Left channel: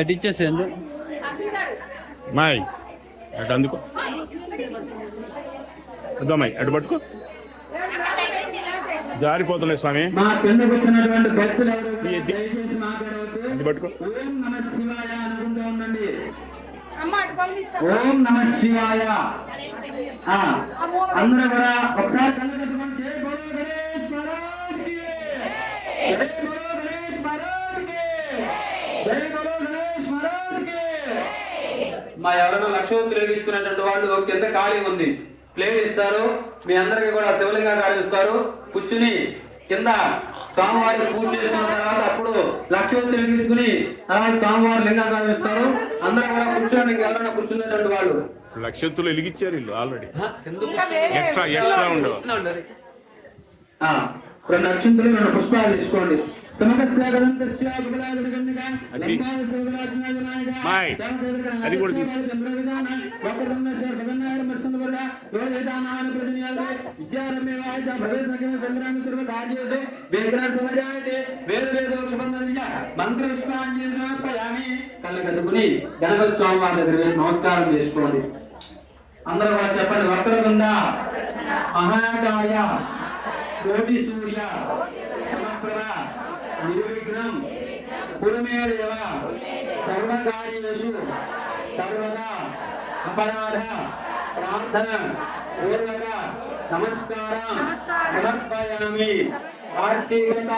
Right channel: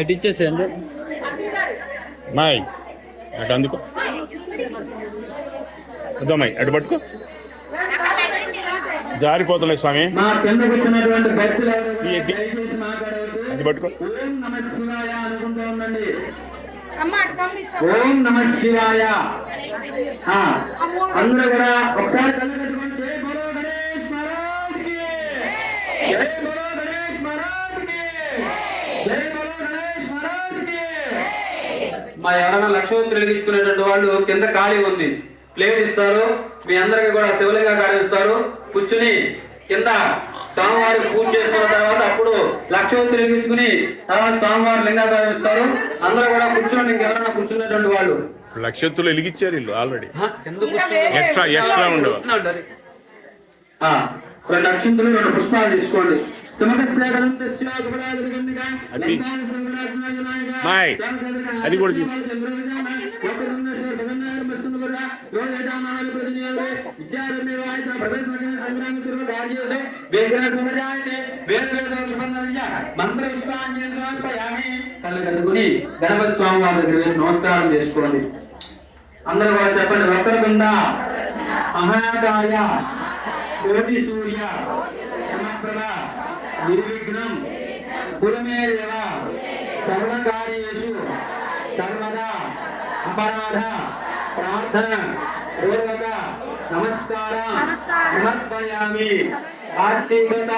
అటు ఇచ్చేసేయండి మాయ్ అటు అందుకో వద్దామాయి అటు పట్టుకో జారిపోతులే స్వామి అది పట్టుకో. ఓం నమ శివాయ. అందరూ కూడా ఒకసారి కళ్ళు పెట్టుకొని జై బలో గణేష్ మహారాజ్ కి, జై బలో గణేష్ మహారాజ్ కి, జై బలో గణేష్ మహారాజ్ కి. మా ఎవరైనా లక్షవంతులు వెలిగించుకునేటువంటి వాళ్ళు కింద ఖాళీ ఉంది, ప్లేట్ ఇస్తారు. మీ అందరికి కూడా శివలింగా కావిస్తారు. కూర్చుని కింద స్వామివారికి పూజ చేసుకున్న తర్వాత అప్పుడు లక్షవంతులు వెలిగించుకుని తర్వాత స్వామివారి లింగా కావిస్తారు. అందరూ కూడా కూర్చోండి. ఇంకెవరైనా కూర్చున్నటువంటి వాళ్ళు లక్షత్తులు వెలిగించారు వీళ్ళు ఆల్రెడీ. ఎక్స్ట్రా ఉండవు. రెండు అక్షింతలు 2 పుష్పాలు తీసుకోండి. అది కూడా తీసు. గణపతి స్వామి వారి దగ్గర వేసి నమస్కారం చేసుకోండి. అందరూ కూడా చెప్పండి. వక్రతుండ మహాకాయ కోటి సూర్య సమప్రభ నిర్విఘ్నం కురుమే దేవ సర్వకార్యేషు సర్వదా అపరాధ ప్రార్థన పూర్వక నమస్కారం సమర్పయామి. ఆర్తికత